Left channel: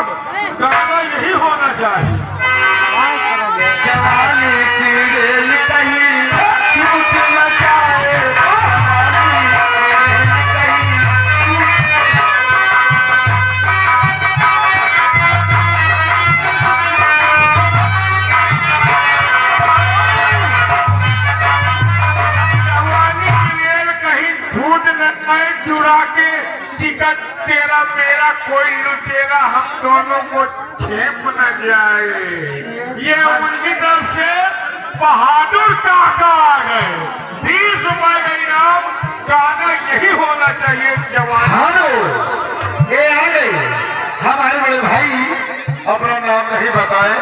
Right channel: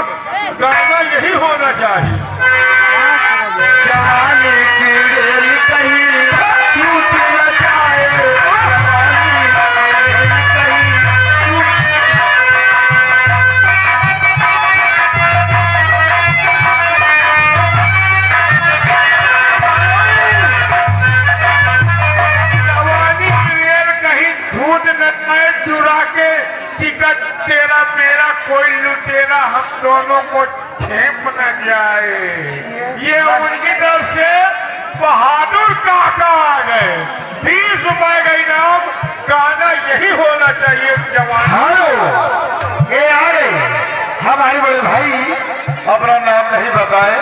गाना यही होना चाहिए। जवानी की रेल कहीं छूट न जाए, चुरा के टिकट तेरा मेरा कोई लुटेरा हम दोनों को छेप न जाए। ये उनकी तरफ से बहादुर काका आ गए। 20 रुपए का इनाम। गाना यही होना चाहिए जवान। हेलो, ये आ गए हमारे बड़े भाई, अपना नाम नहीं बताए।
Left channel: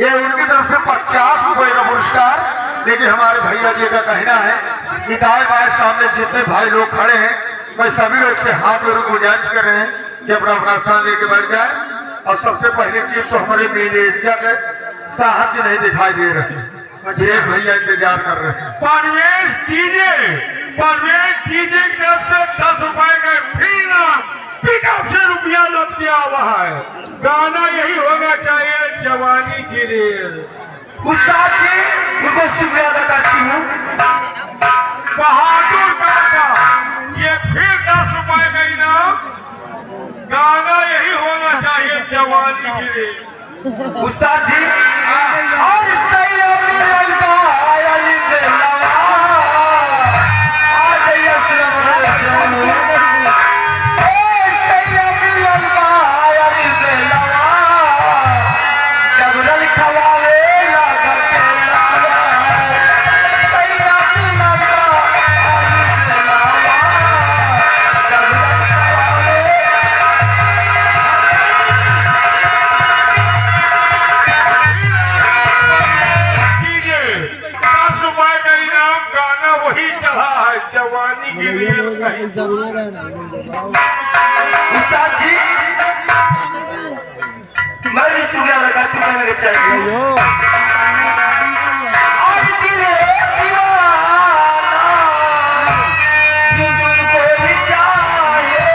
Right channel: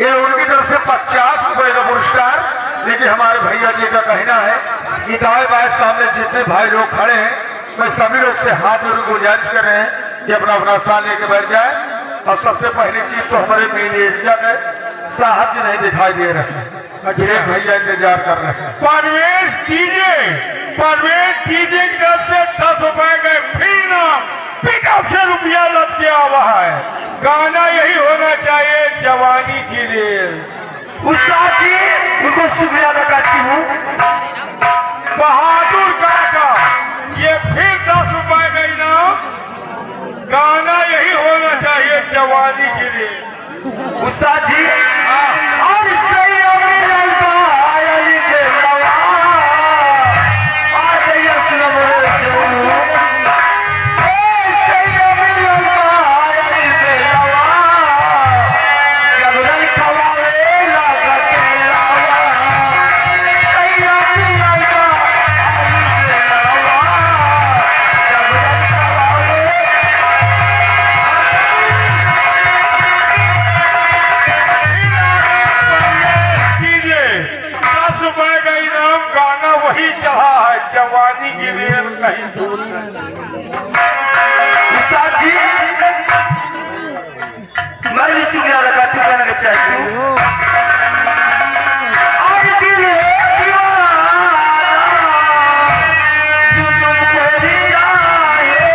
ये उनकी तरफ से 50 रुपए का पुरस्कार। लेकिन हमारे भैया जी का कहना है कि दाएं बाएं सामने जितने भाई लोग खड़े हैं, मैं सभी लोग से हाथ जोड़ गुजारिश कर रहे हैं कि अपना अपना स्थान लेके बैठ जाए। और सबसे पहली चीज तो हमारे मेन एरिया में साहब जी नहीं दिखाई दे रहे हैं, भैया इंतजार कर रहे हैं। परवेश कीजिए की तरफ से 10 रुपए का पिकअप से रुपया लग गया हुआ है। गाना यही होना चाहिए जवानी की रेल। उस्ताद जी उनको शुक्रिया अदा करती हूँ। बहादुर काका, ये फिर 10 रुपए का इनाम। गाना यही होना चाहिए जवानी के लिए। उस्ताद जी और सही अपने लाल बाई बेलवा आ गई असलम रसूल। जवानी की रेल कहीं। उस्ताद जी मैं भी शुक्रिया लगाती हूँ। चाहिए आज दिन है दीवाना जो तुमको भी चाहे,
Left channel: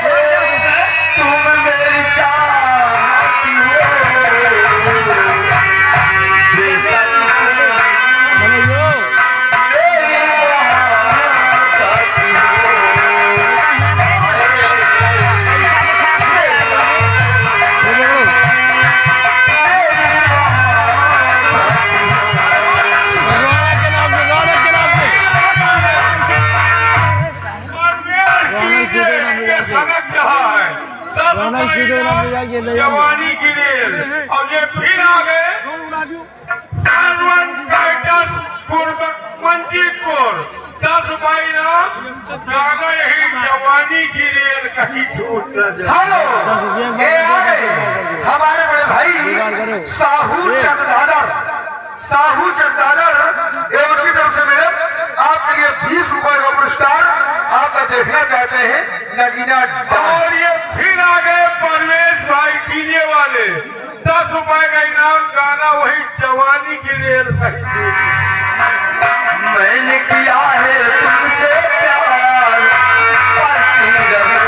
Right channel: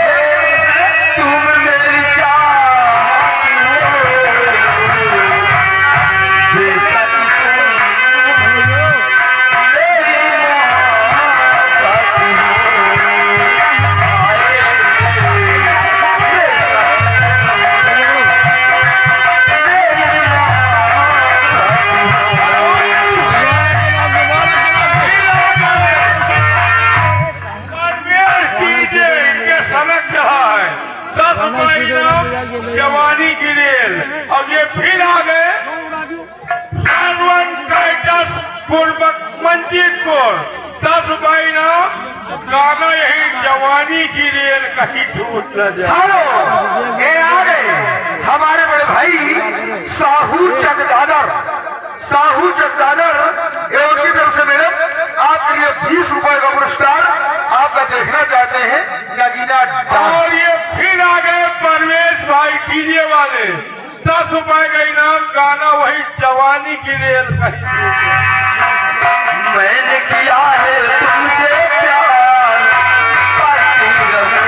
तुम मेरी चाहती जवानी की रेल। और ये फिर आ गए मंजीतपुर 10 रुपए ना। गाना यही जवानी की रेल कहीं छूट न जाए। हेलो, ये आ गए हमारे बड़े भाई साहू चकदादर। ये उनकी तरफ से मेरे आपके लिए 20 रुपए का पुरस्कार आपका देखना चाहते हैं नगीना। और ये फिर आ गए परवेश भाई कीजिए वाले 10 रुपए का इनाम। गाना वही जवानी की रेल कहीं। मैंने किया है तुमसे प्यार करती रहूं,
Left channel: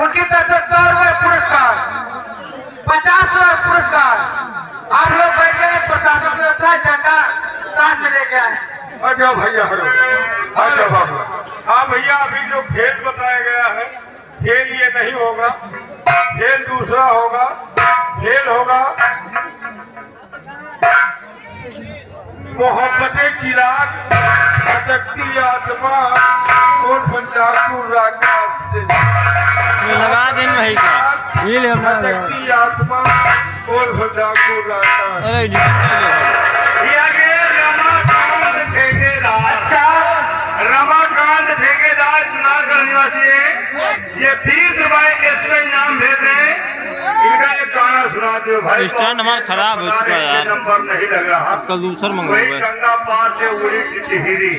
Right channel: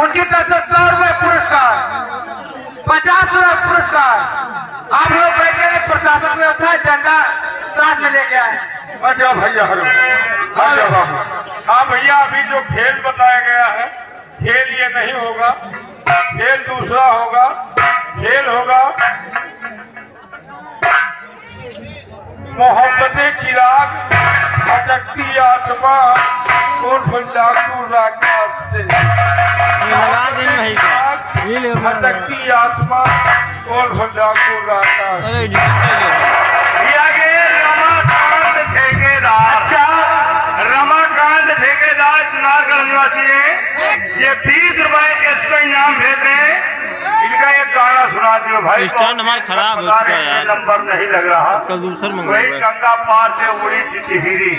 उनकी तरफ से 100 रुपए पुरस्कार, 50 रुपए पुरस्कार। आप लोग बैठे हैं, प्रशासन व्यवस्था डंडा साथ में लेके आए। अच्छा भैया, अच्छा बाबू। हाँ भैया, अभी जो खेल बताया गया है, खेल ये नहीं होगा, खेल दूसरा होगा। खेल होगा मोहब्बत चिराग भटकती आत्मा और डाकू राजा से लगा देंगे भाई का ये ले भटकती आत्मा और डाकू राजा अरे एडिटिंग कर ले आगे रमाकांत ठेकेदार अच्छा रमाकांत ठेकेदार जूनागढ़ निवासी है। ये 20 रुपए एक्स्ट्रा इनाम देते हैं। इनका एक गाना सुना दो भाई। स्टैंड हमारा खराब हो चुका है यार। नंबर नहीं लग रहा। कल दूसरा वही मंगवा गंगा पार से उड़ी चिचहिरी